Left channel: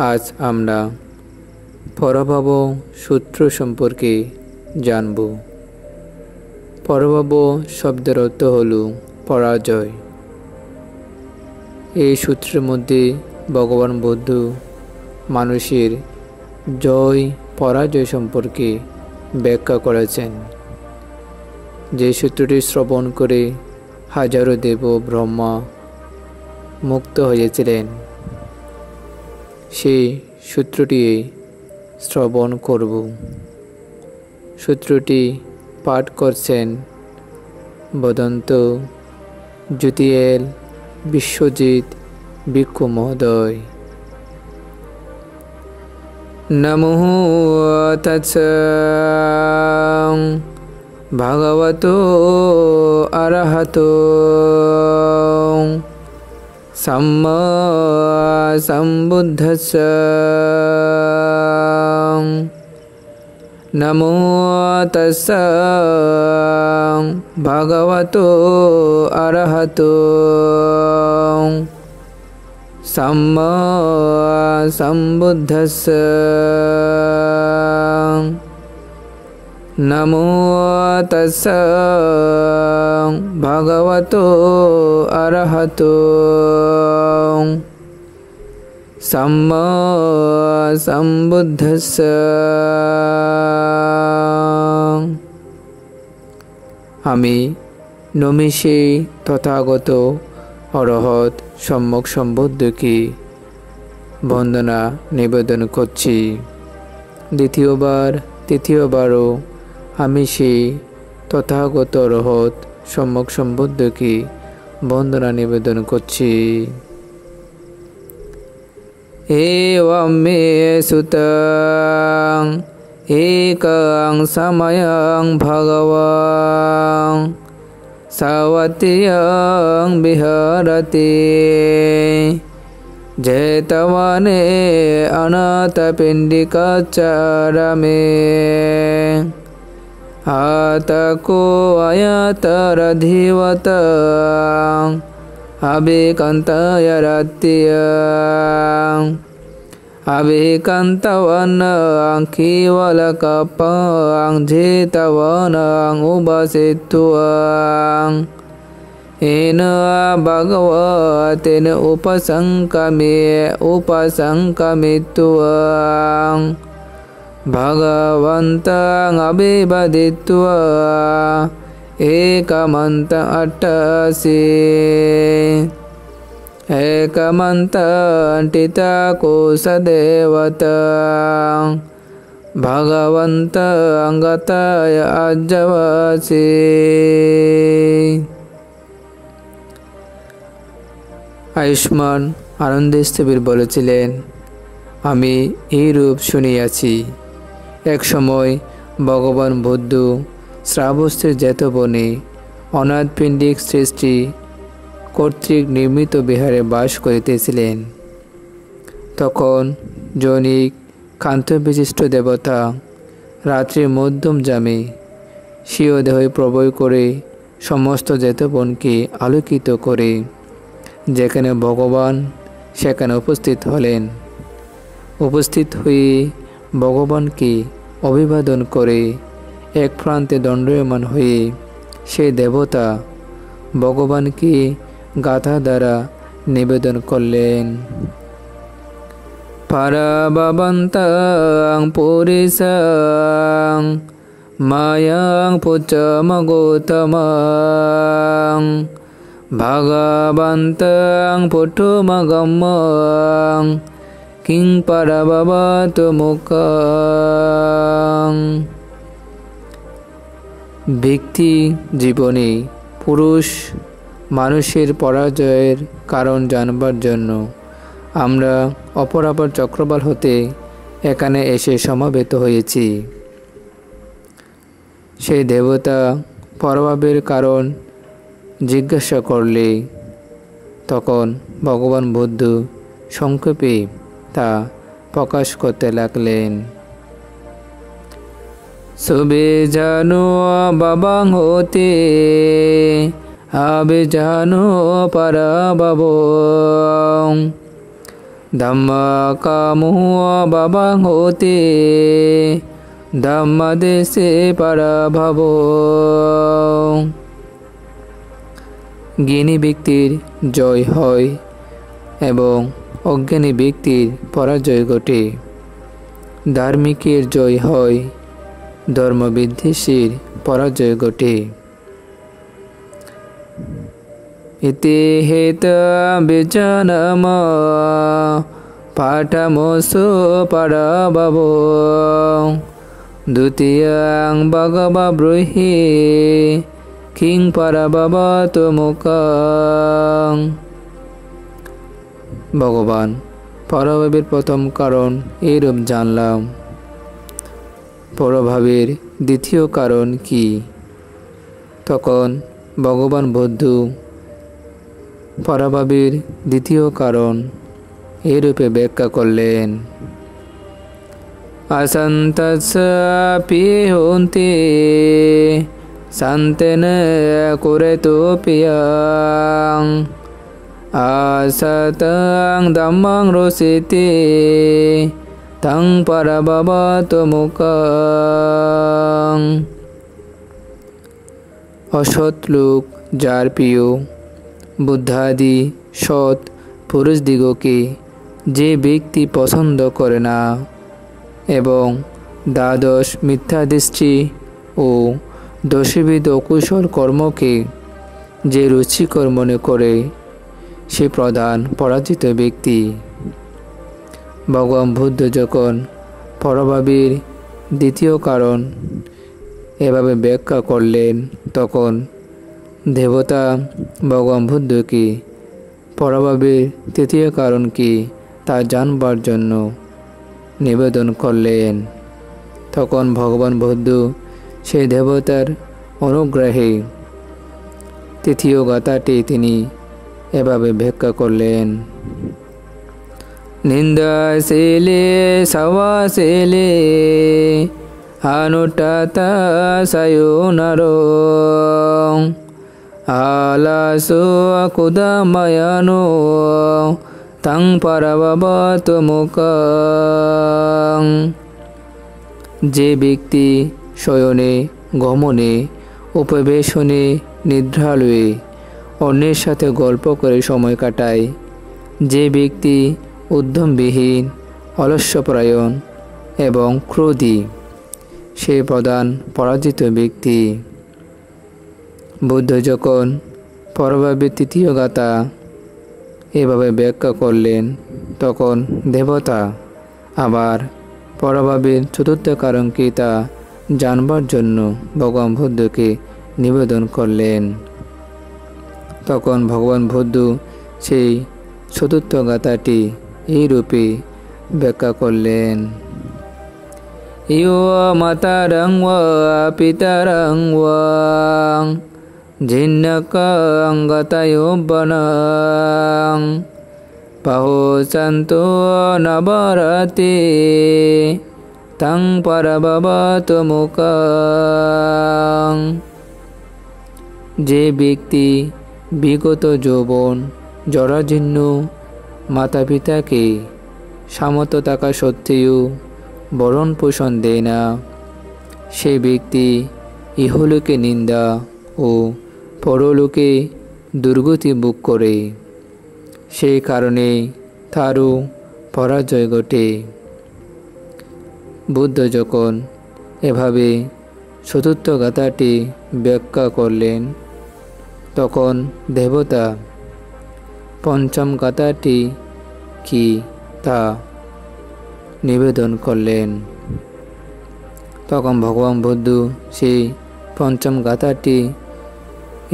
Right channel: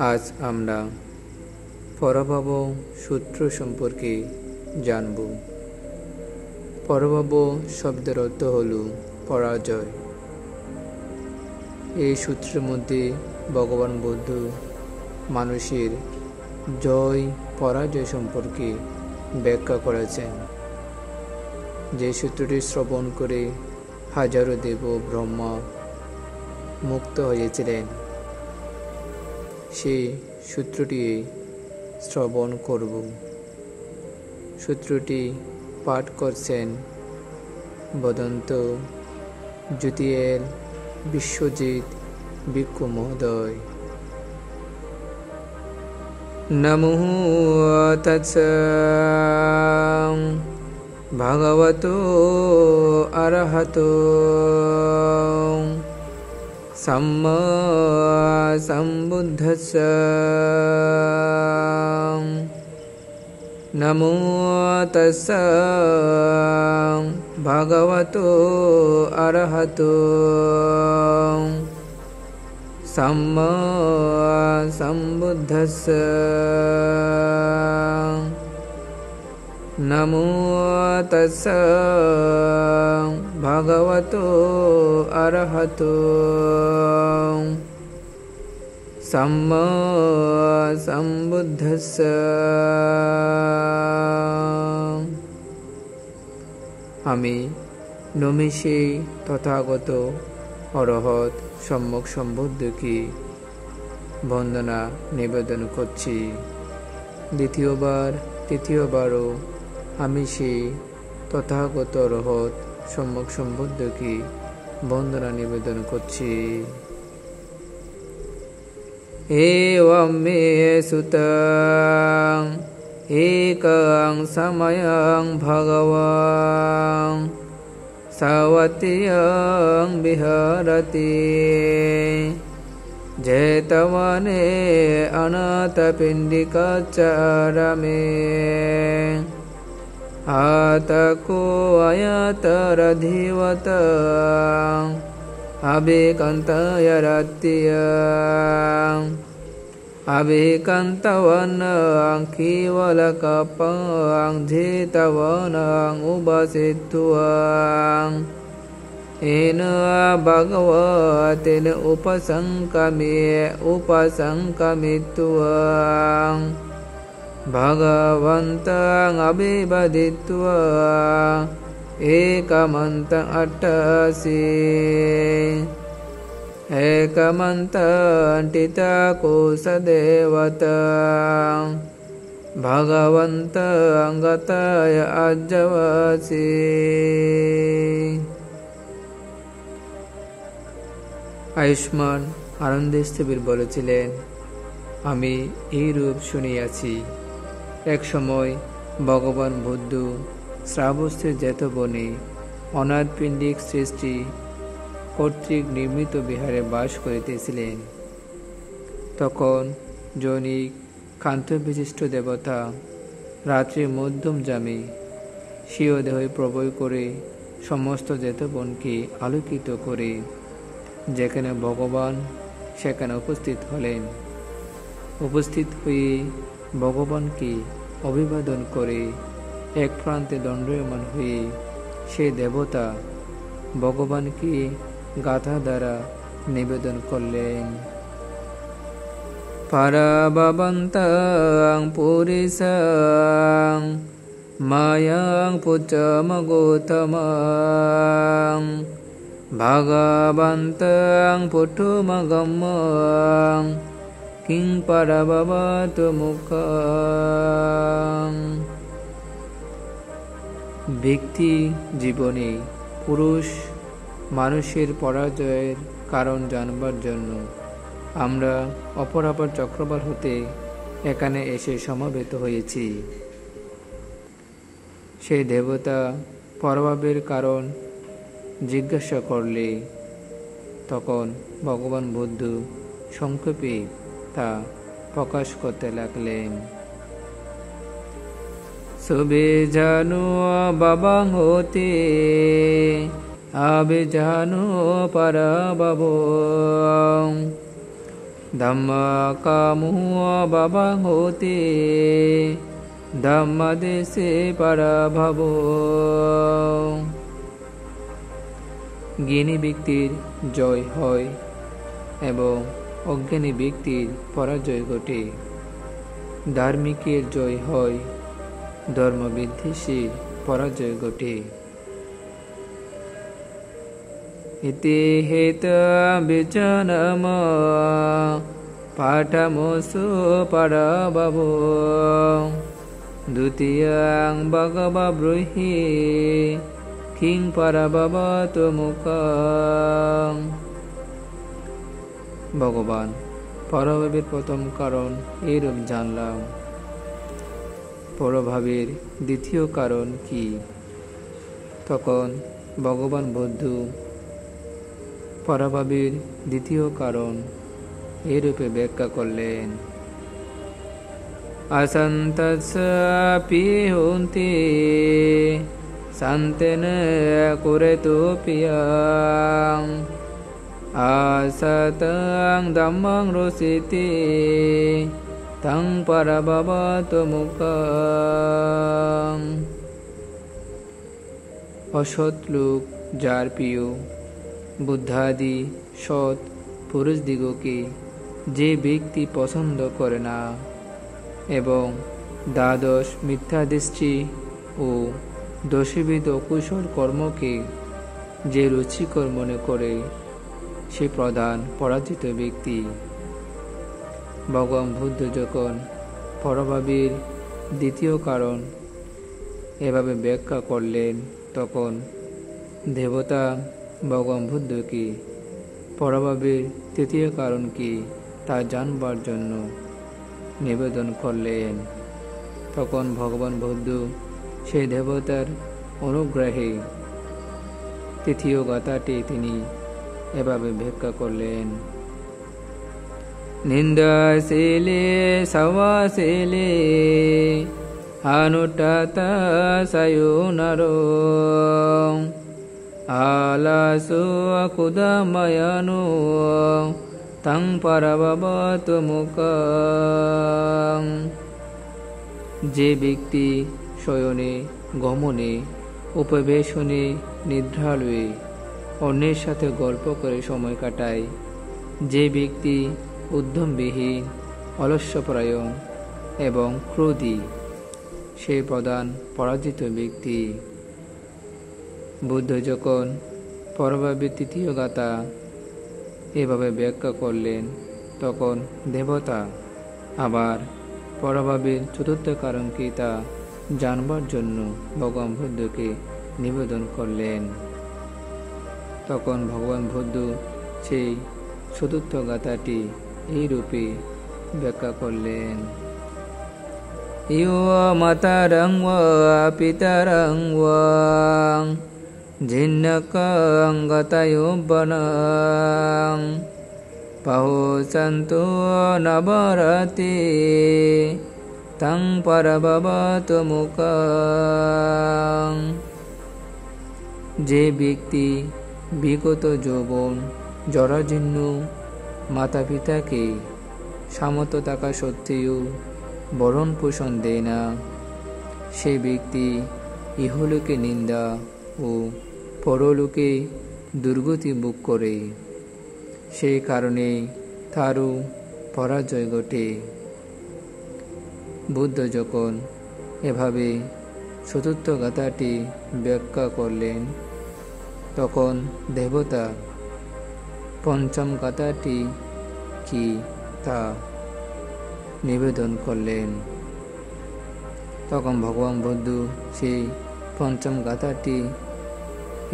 আজ আমরা পরাভব সূত্র সম্পর্কে জানব। পরাভব শব্দের অর্থ হল পরাজয়। এই সূত্রের মধ্যে ভগবান বুদ্ধ মানুষের জয় পরাজয় সম্পর্কে ব্যাখ্যা করেছেন। যে সূত্রটি শ্রবণ করে হাজারো দেব ব্রহ্মা মুক্ত হয়েছিলেন, সেই সূত্রটি শ্রবণ করব। সূত্রটি পাঠ করছেন বদন্ত জ্যোতিয়েল বিশ্বজিৎ ভিক্ষু মহোদয়। নমো তৎস ভগবতো অরহতো সম্মা সম্বুদ্ধস্স। নমো তস্স ভগবতো অরহতো সম্মা সম্বুদ্ধস্স। নমো তস্স ভগবতো অরহতো সম্মা সম্বুদ্ধস্স। আমি নমিষে তথাগত অরহত সম্যক সম্বুদ্ধকে বন্দনা নিবেদন করছি। তৃতীয়বারও আমি সেই তথাগত অরহত সম্যক সম্বুদ্ধকে বন্দনা নিবেদন করছি। এবং মে সুতং একং সময়ং ভগবান সাবতীয়ং বিহরতি জেতবনে অনাথপিণ্ডিকাচারমে আতকো অয়তরধিবত অভিকন্তয়রত্যং অভিকন্তবনং কেবলকপং জেতবনং উপসিত্বং येन भगवतेन उपसंकमित्वा भगवन्तं अभिवदित्वा एकमन्तं अट्टसि एकमन्तं टितकोशदेवतं भगवन्तं गतय अज्जवसि। আয়ুষ্মান আনন্দস্থবির বলেছিলেন, আমি এই রূপ শুনিয়াছি। এক সময় ভগবান বুদ্ধ শ্রাবস্তীর জেতবনে অনাথপিণ্ডিক সৃষ্টি কর্তৃক নির্মিত বিহারে বাস করিতেছিলেন। তখন জৈনিক কান্তবিশিষ্ট দেবতা রাত্রির মধ্যম জামে স্বীয় দেহে প্রবয় করে সমস্ত জেতবনকে আলোকিত করে যেখানে ভগবান সেখানে উপস্থিত হলেন। উপস্থিত হয়ে ভগবানকে অভিবাদন করে এক প্রান্তে দণ্ডায়মান হয়ে সেই দেবতা ভগবানকে গাথা দ্বারা নিবেদন করলেন। পারাবন্তং পুরিশং মায়াং পুচ্চমগৌতমং ভগবন্তং পুটুমগম্যং কিং পরববতু মুখং। ব্যক্তি জীবনে পুরুষ মানুষের পরাজয়ের কারণ জানবার জন্য আমরা অপরাপর চক্রবাল হতে এখানে এসে সমবেত হয়েছি। সেই দেবতা পরভাবের কারণ জিজ্ঞাসা করলে তখন ভগবান বুদ্ধ সংক্ষেপে তা প্রকাশ করতে লাগলেন। সুবিজানো বাবাং হতে আবিজানো পরাভবং ধাম্মাকামো বাবাং হতে ধাম্মাদেশে পরাভব। জ্ঞানী ব্যক্তির জয় হয় এবং অজ্ঞানী ব্যক্তির পরাজয় ঘটে। ধার্মিকের জয় হয়, ধর্মবিদ্বেষীর পরাজয় ঘটে। ইতি হেত বিজনম পাঠমসু পরাভব। দ্বিতীয়ং ভগবা ব্রূহি কিং পরাভবতু মুখং। ভগবান পরভাবের প্রথম কারণ এইরূপ জানলাম, পরভাবের দ্বিতীয় কারণ কি? তখন ভগবান বুদ্ধ পরভাবের দ্বিতীয় কারণ এইরূপে ব্যাখ্যা করলেন। অসন্তস্যাপি হন্তি শান্তেন কুরুতে প্রিয়ং আসতং ধম্মং রোষিতে তং পরাভবতু মুখং। অসৎ লোক যার প্রিয়, বুদ্ধাদি সৎ পুরুষদিগকে যে ব্যক্তি পছন্দ করে না এবং দ্বাদশ মিথ্যাদৃষ্টি ও দশবিধ অকুশল কর্মকে যে রুচিকর মনে করে, সে প্রধান পরাজিত ব্যক্তি। ভগবান বুদ্ধ যখন পরভাবের দ্বিতীয় কারণ এভাবে ব্যাখ্যা করলেন, তখন দেবতা ভগবান বুদ্ধকে পরভাবের তৃতীয় কারণ কি তা জানবার জন্য নিবেদন করলেন। তখন ভগবান বুদ্ধ সেই দেবতার অনুগ্রহে তৃতীয় গাথাটি তিনি এভাবে ব্যাখ্যা করলেন। নিন্দাশীলে সবাশীলে অনুট্টতা সয়োনরো আলাসো কুদময়নো তং পরাভবতু মুখং। যে ব্যক্তি শয়নে, গমনে, উপবেশনে, নিদ্রালয়ে অন্যের সাথে গল্প করে সময় কাটায়, যে ব্যক্তি উদ্যমবিহীন, অলস্যপরায়ণ এবং ক্রোধী, সে প্রধান পরাজিত ব্যক্তি। বুদ্ধ যখন পরভাবের তৃতীয় গাথা এভাবে ব্যাখ্যা করলেন, তখন দেবতা আবার পরভাবের চতুর্থ কারণ কি তা জানবার জন্য ভগবান বুদ্ধকে নিবেদন করলেন। তখন ভগবান বুদ্ধ সেই চতুর্থ গাথাটি এই রূপে ব্যাখ্যা করলেন। ইয়ো মাতারং ওয়া পিতারং ওয়া জিন্নকং গতয়োবনং পাহসন্তু নবরতে তং পরাভবতু মুখং। যে ব্যক্তি বিগত যৌবন জরাজীর্ণ মাতা পিতাকে সামর্থ্য থাকা সত্ত্বেও ভরণ পোষণ দেয় না, সে ব্যক্তি ইহলোকে নিন্দা ও পরলোকে দুর্গতি ভোগ করে। সেই কারণে তারও পরাজয় ঘটে। বুদ্ধ যখন এভাবে চতুর্থ গাথাটি ব্যাখ্যা করলেন, তখন দেবতা পঞ্চম গাথাটি কি তা নিবেদন করলেন। তখন ভগবান বুদ্ধ সেই পঞ্চম গাথাটি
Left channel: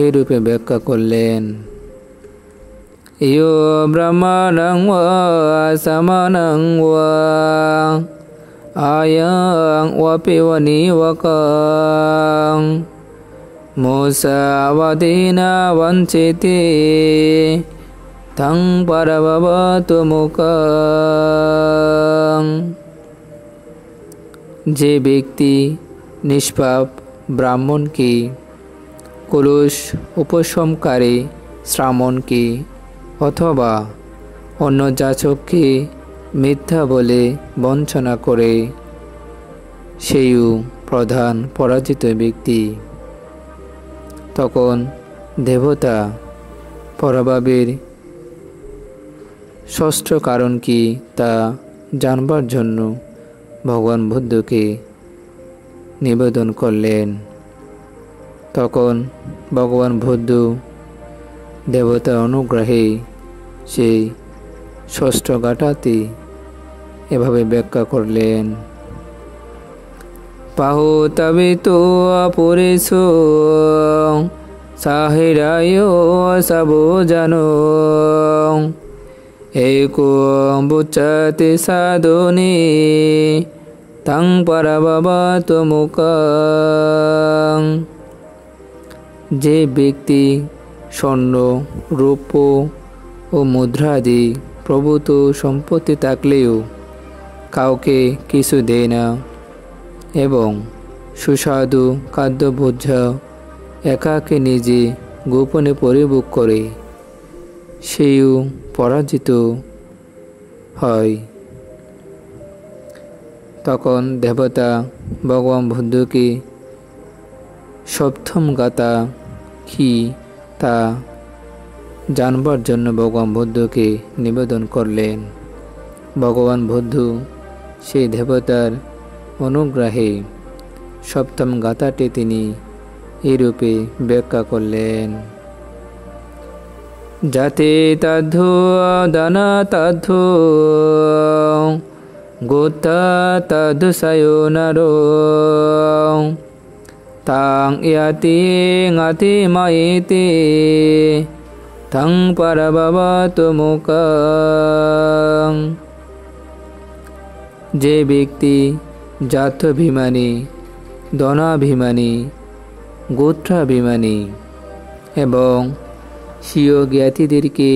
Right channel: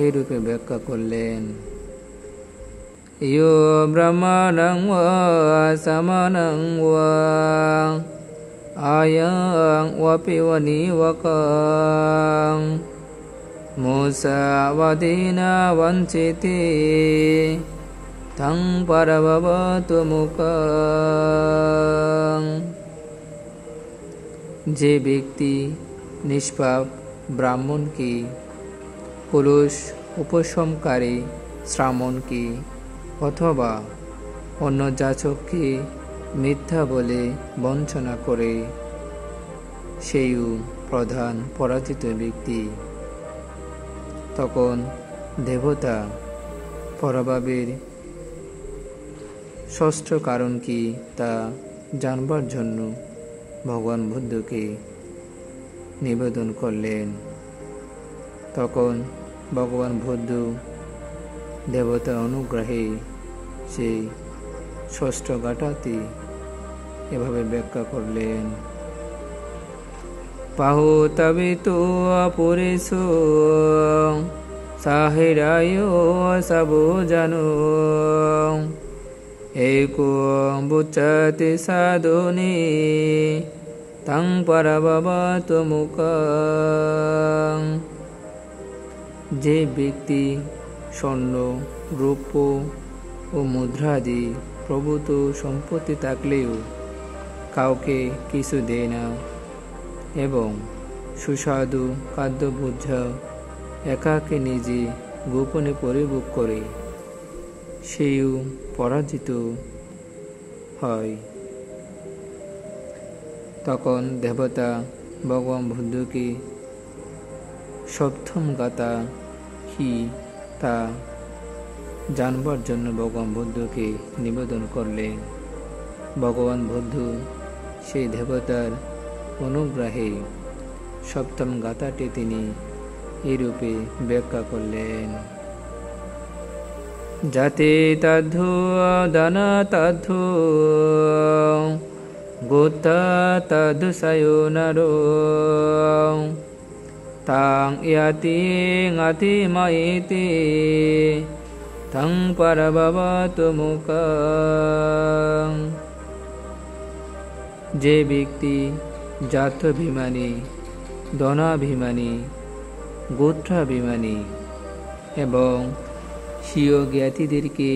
এই রূপে ব্যাখ্যা করলেন। ইয়ো ব্রহ্মণং ওয়া সমানং ওয়া আয়ং ওয়াপি ওয়ানিবকং মুসাবাদিনা বঞ্চিতে তং পরাভবতু মুখং। যে ব্যক্তি নিষ্পাপ ব্রাহ্মণকে, কলুষ উপশমকারী শ্রামণকে অথবা অন্য যাচককে মিথ্যা বলে বঞ্চনা করে, সেইও প্রধান পরাজিত ব্যক্তি। তখন দেবতা পরাভাবের ষষ্ঠ কারণ কি তা জানবার জন্য ভগবান বুদ্ধকে নিবেদন করলেন। তখন ভগবান বুদ্ধ দেবতার অনুগ্রহে সেই ষষ্ঠ ঘাটাতে এভাবে ব্যাখ্যা করলেন। পাহো তবে তো অপরেশ সাহেরায় সব জানো, এক বুচাতে সাধনে তাং পারাবাবা তোমুকাং। যে ব্যক্তি স্বর্ণ, রৌপ্য ও মুদ্রাদি প্রভূত সম্পত্তি থাকলেও কাউকে কিছু দেয় না এবং সুস্বাদু খাদ্যভোজ্য একাকে নিজে গোপনে পরিভোগ করে, সেও পরাজিত হয়। তখন দেবতা ভগবান বুদ্ধকে সপ্তম গাথা কি তা জানবার জন্য ভগবান বুদ্ধকে নিবেদন করলেন। ভগবান বুদ্ধ সেই দেবতার অনুগ্রহে সপ্তম গাথাটি তিনি এইরূপে ব্যাখ্যা করলেন। যাতে তাধ্য দানা তাধ্য গোতা তাধ্য সায়োনার, তাং ইয়াতি গাতি মায়েতে তাং পারাবাবা তোমুকাং। যে ব্যক্তি জাত্যাভিমানী, ধনাভিমানী, গোত্রাভিমানী এবং স্বীয় জ্ঞাতিদেরকে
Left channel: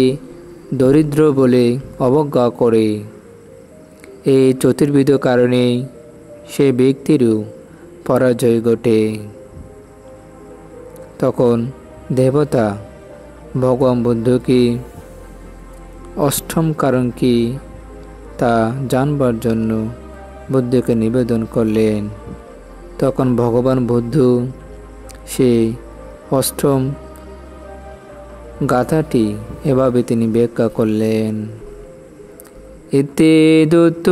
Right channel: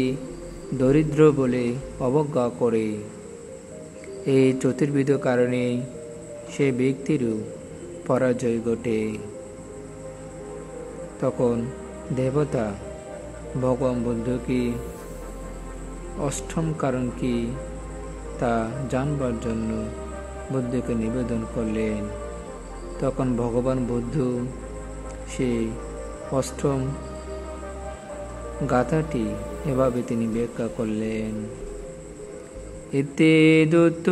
দরিদ্র বলে অবজ্ঞা করে, এই চতুর্বিধ কারণে সে ব্যক্তিরও পরাজয় ঘটে। তখন দেবতা ভগবান বুদ্ধকে অষ্টম কারণ কি তা জানবার জন্য বুদ্ধকে নিবেদন করলেন। তখন ভগবান বুদ্ধ সেই অষ্টম গাথাটি এভাবে তিনি ব্যাখ্যা করলেন। ইতি দূত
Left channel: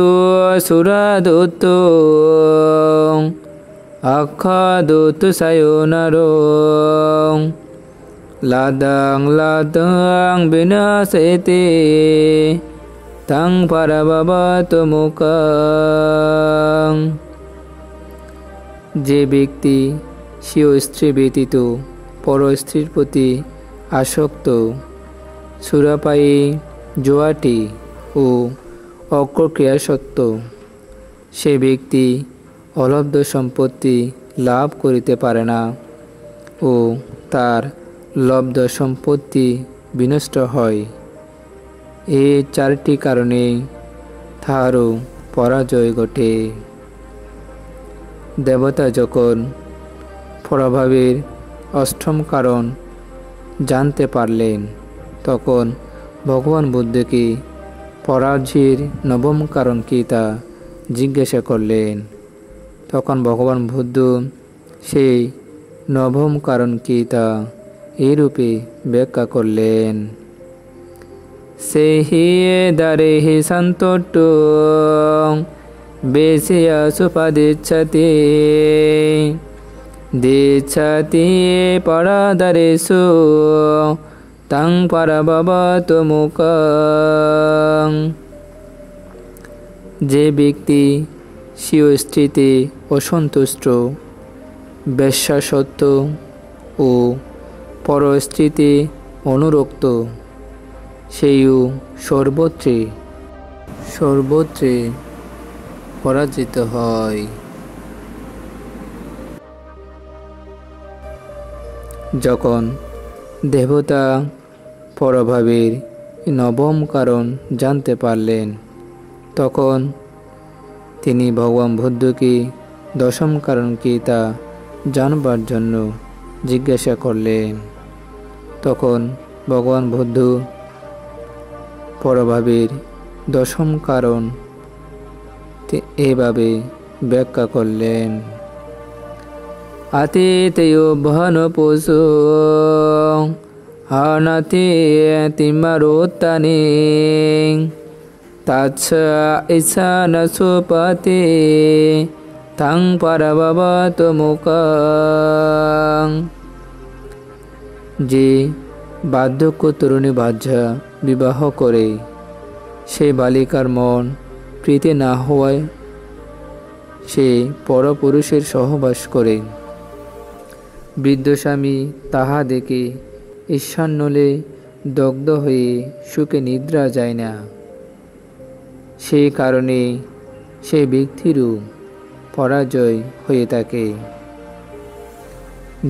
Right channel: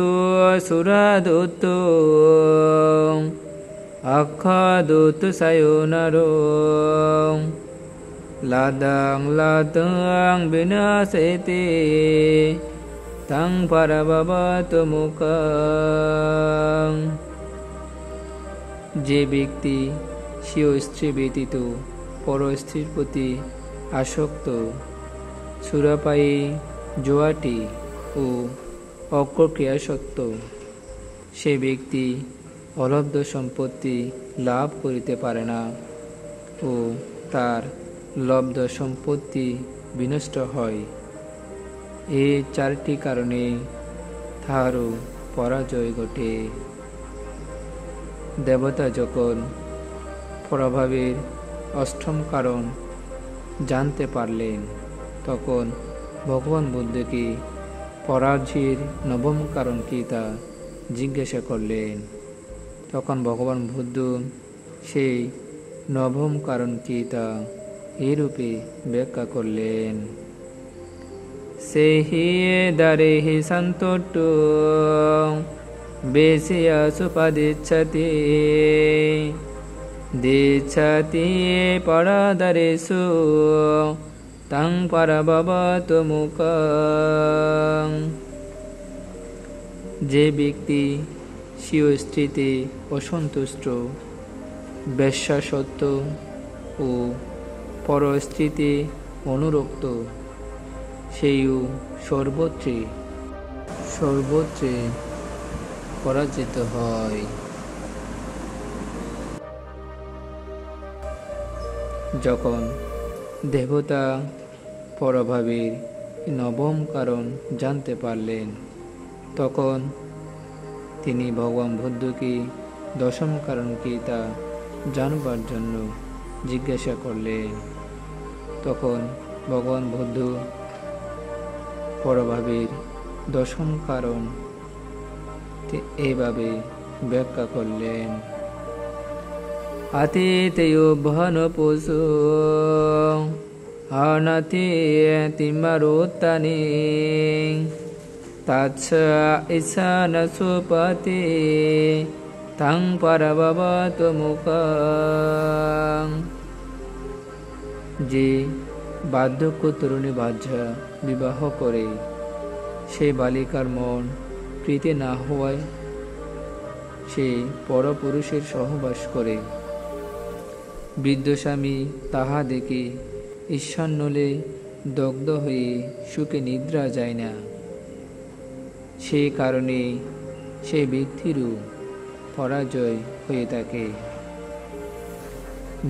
সুরা দূত আখ্যা দূত সায়োনার, লাদাং লাদাং বিনাশেতে তাং পারাবাবা তোমুকাং। যে ব্যক্তি স্বীয় স্ত্রী ব্যতীত পর স্ত্রীর প্রতি আসক্ত, সুরাপায়ী, জুয়াটি ও অক্রক্রিয়াসক্ত, সে ব্যক্তি অলব্ধ সম্পত্তি লাভ করিতে পারে না ও তার লব্ধ সম্পত্তি বিনষ্ট হয়। এই চারটি কারণে তাহারও পরাজয় ঘটে। দেবতা যখন পরাভাবের অষ্টম কারণ জানতে পারলেন, তখন ভগবান বুদ্ধকে পরাজয়ের নবম কারণ কি তা জিজ্ঞাসা করলেন। তখন ভগবান বুদ্ধ সেই নবম কারণ কি তা এইরূপে ব্যাখ্যা করলেন। সেহি দারেহি সন্তোষ্ট বেশিয়া সুপাদিচ্ছতে, দিচ্ছতি পরাদারেষু তাং পারাবাবা তোমুকাং। যে ব্যক্তি স্বীয় স্ত্রীতে অসন্তুষ্ট, বেশ্যাসক্ত ও পর স্ত্রীতে অনুরক্ত, সেইও সর্বত্রে পরাজিত হয়। যখন দেবতা পরভাবের নবম কারণ জানতে পারলেন, তখন তিনি ভগবান বুদ্ধকে দশম কারণ কি তা জানবার জন্য জিজ্ঞাসা করলেন। তখন ভগবান বুদ্ধ পরভাবের দশম কারণ এভাবে ব্যাখ্যা করলেন। আতিতেয় ভান পশু হানাতে তিমারোত্তানে তাচ্ছ ঈশান সুপতে তাং পারবাবত মুকাং। যে বার্ধক্য তরুণী বাহ্যা বিবাহ করে সে বালিকার মন প্রীতি না হওয়ায় সে পরপুরুষের সহবাস করে। বৃদ্ধ স্বামী তাহা দেখে ঈর্ষান্নলে দগ্ধ হয়ে সুখে নিদ্রা যায় না। সেই কারণে সে ব্যক্তিরও পরাজয় হয়ে থাকে।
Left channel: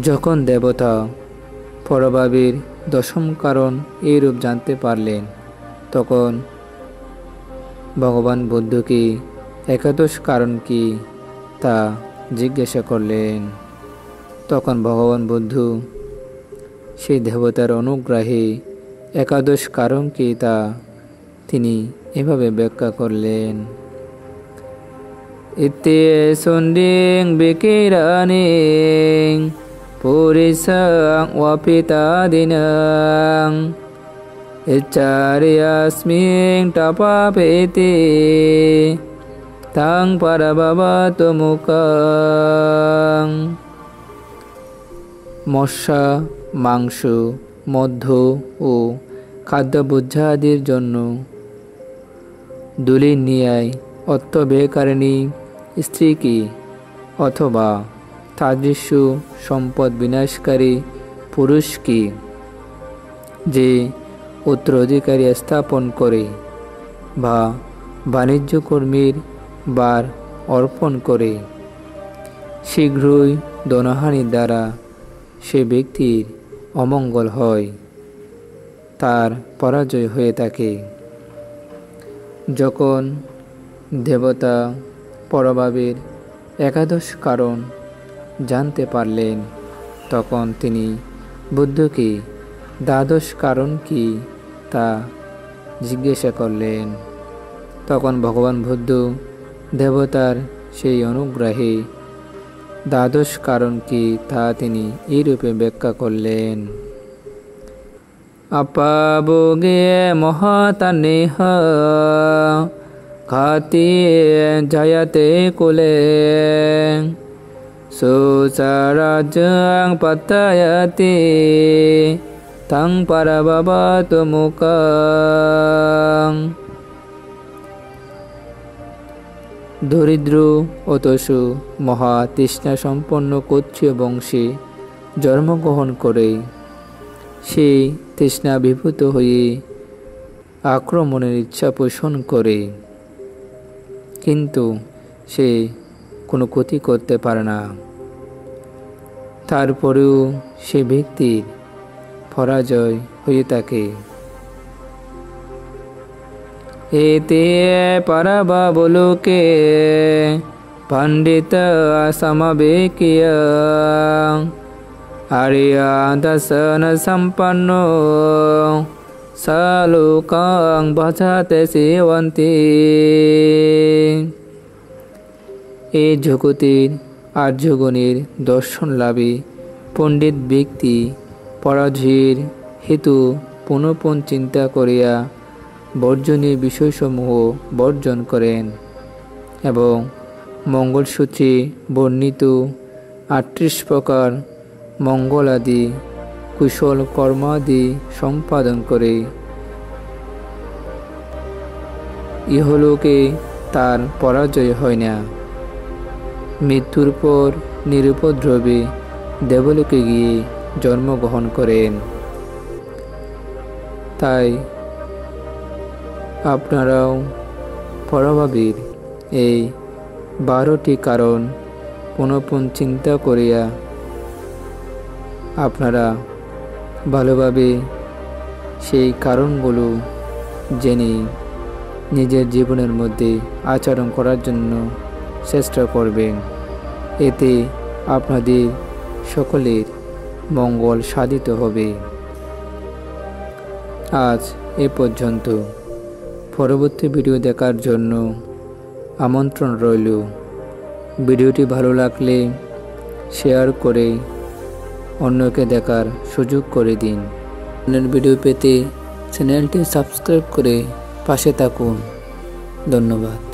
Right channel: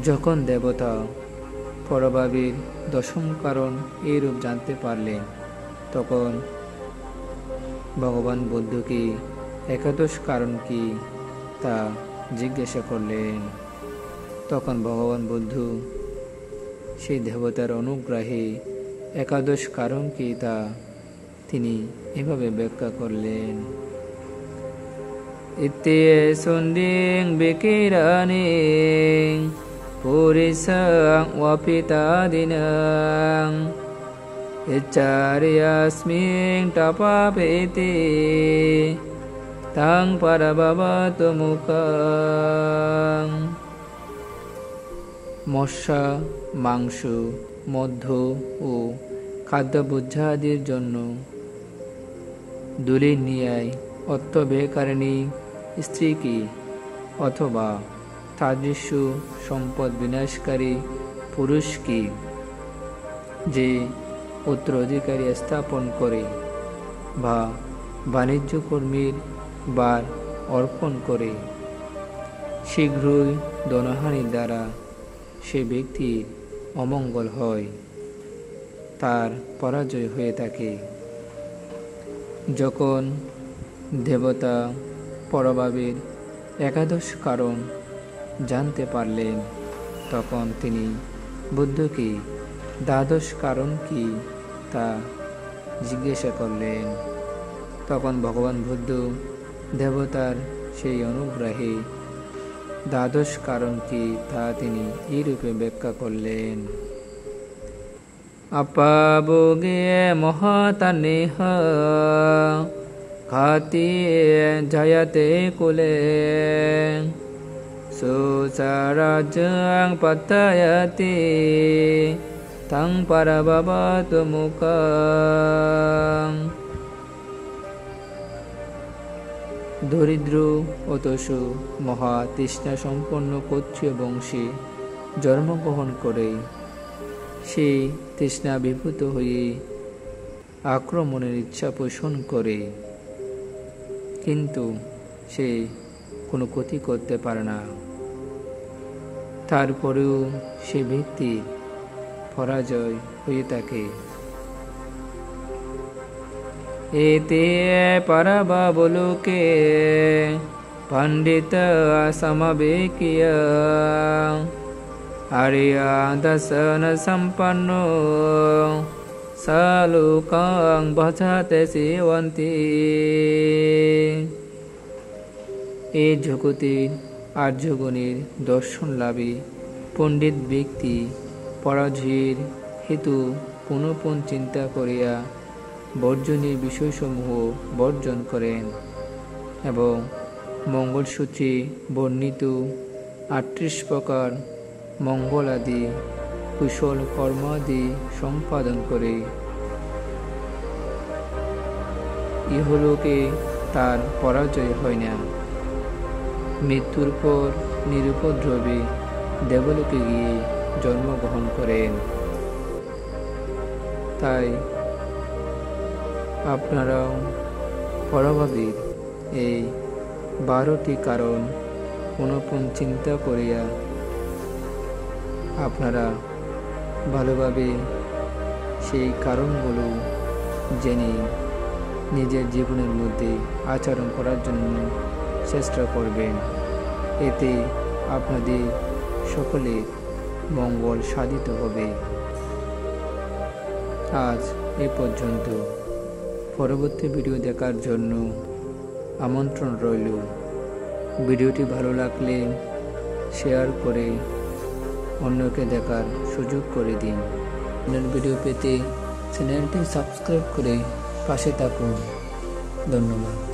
যখন দেবতা পরভাবের দশম কারণ এইরূপ জানতে পারলেন, তখন ভগবান বুদ্ধকে একাদশ কারণ কি তা জিজ্ঞাসা করলেন। তখন ভগবান বুদ্ধ সেই দেবতার অনুগ্রহে একাদশ কারণ কি তা তিনি এভাবে ব্যাখ্যা করলেন। ইত্যে সন্দিং বিকিরানিং পুরিসাং ওয়াপিতাদিনাং ইচ্চারিয়াস্মিং তপাপেতে তাং পারবাবত মুকাং। মশা, মাংস, মধ্য ও খাদ্যভোজ্যাদির জন্য দুলির ন্যায় অর্থব্যয়কারিণী স্ত্রীকে অথবা তাদৃশ সম্পদ বিনাশকারী পুরুষকে যে উত্তরাধিকারী স্থাপন করে বা বাণিজ্য কর্মীর বার অর্পণ করে, শীঘ্রই ধনহানির দ্বারা সে ব্যক্তির অমঙ্গল হয়, তার পরাজয় হয়ে থাকে। যখন দেবতা পরভাবের একাদশ কারণ জানতে পারলেন, তখন তিনি বুদ্ধকে দ্বাদশ কারণ কি তা জিজ্ঞাসা করলেন। তখন ভগবান বুদ্ধ দেবতার সেই অনুগ্রহে দ্বাদশ কারণ কি তা তিনি এইরূপে ব্যাখ্যা করলেন। অপাভোগে মহাতানেহ ঘাতি জয়তে কুলে সুসারাজ্যং পতয়তে তং পারবাবত মুকাং। দরিদ্র অতসু মহা তৃষ্ণা সম্পন্ন ক্ষত্রিয় বংশে জন্মগ্রহণ করে সে তৃষ্ণাভিভূত হয়ে আক্রমণের ইচ্ছা পোষণ করে, কিন্তু সে কোনো ক্ষতি করতে পারে না। তারপরেও সে ব্যক্তির পরাজয় হয়ে থাকে। এতে পরবাবলোকে পণ্ডিত সমবেকিয়া আরিয়া দর্শন সম্পন্ন সালোকাং ভজতে সেবন্তে। এই জগতের আর্যগণের দর্শন লাভে পণ্ডিত ব্যক্তি পরাজয়ের হেতু পুনঃপুন চিন্তা করিয়া বর্জনীয় বিষয়সমূহ বর্জন করেন এবং মঙ্গলসূত্রে বর্ণিত 38 প্রকার মঙ্গলাদি কুশল কর্মাদি সম্পাদন করে ইহলোকে তার পরাজয় হয় না। মৃত্যুর পর নিরুপদ্রবে দেবলোকে গিয়ে জন্মগ্রহণ করেন। তাই আপনারাও পরভাবের এই 12টি কারণ পুনঃপুন চিন্তা করিয়া আপনারা ভালোভাবে সেই কারণগুলো জেনে নিজের জীবনের মধ্যে আচরণ করার জন্য চেষ্টা করবেন। এতে আপনাদের সকলের মঙ্গল সাধিত হবে। আজ এ পর্যন্ত। পরবর্তী ভিডিও দেখার জন্য আমন্ত্রণ রইল। ভিডিওটি ভালো লাগলে শেয়ার করে অন্যকে দেখার সুযোগ করে দিন। ভিডিও পেতে চ্যানেলটি সাবস্ক্রাইব করে পাশে থাকুন। ধন্যবাদ।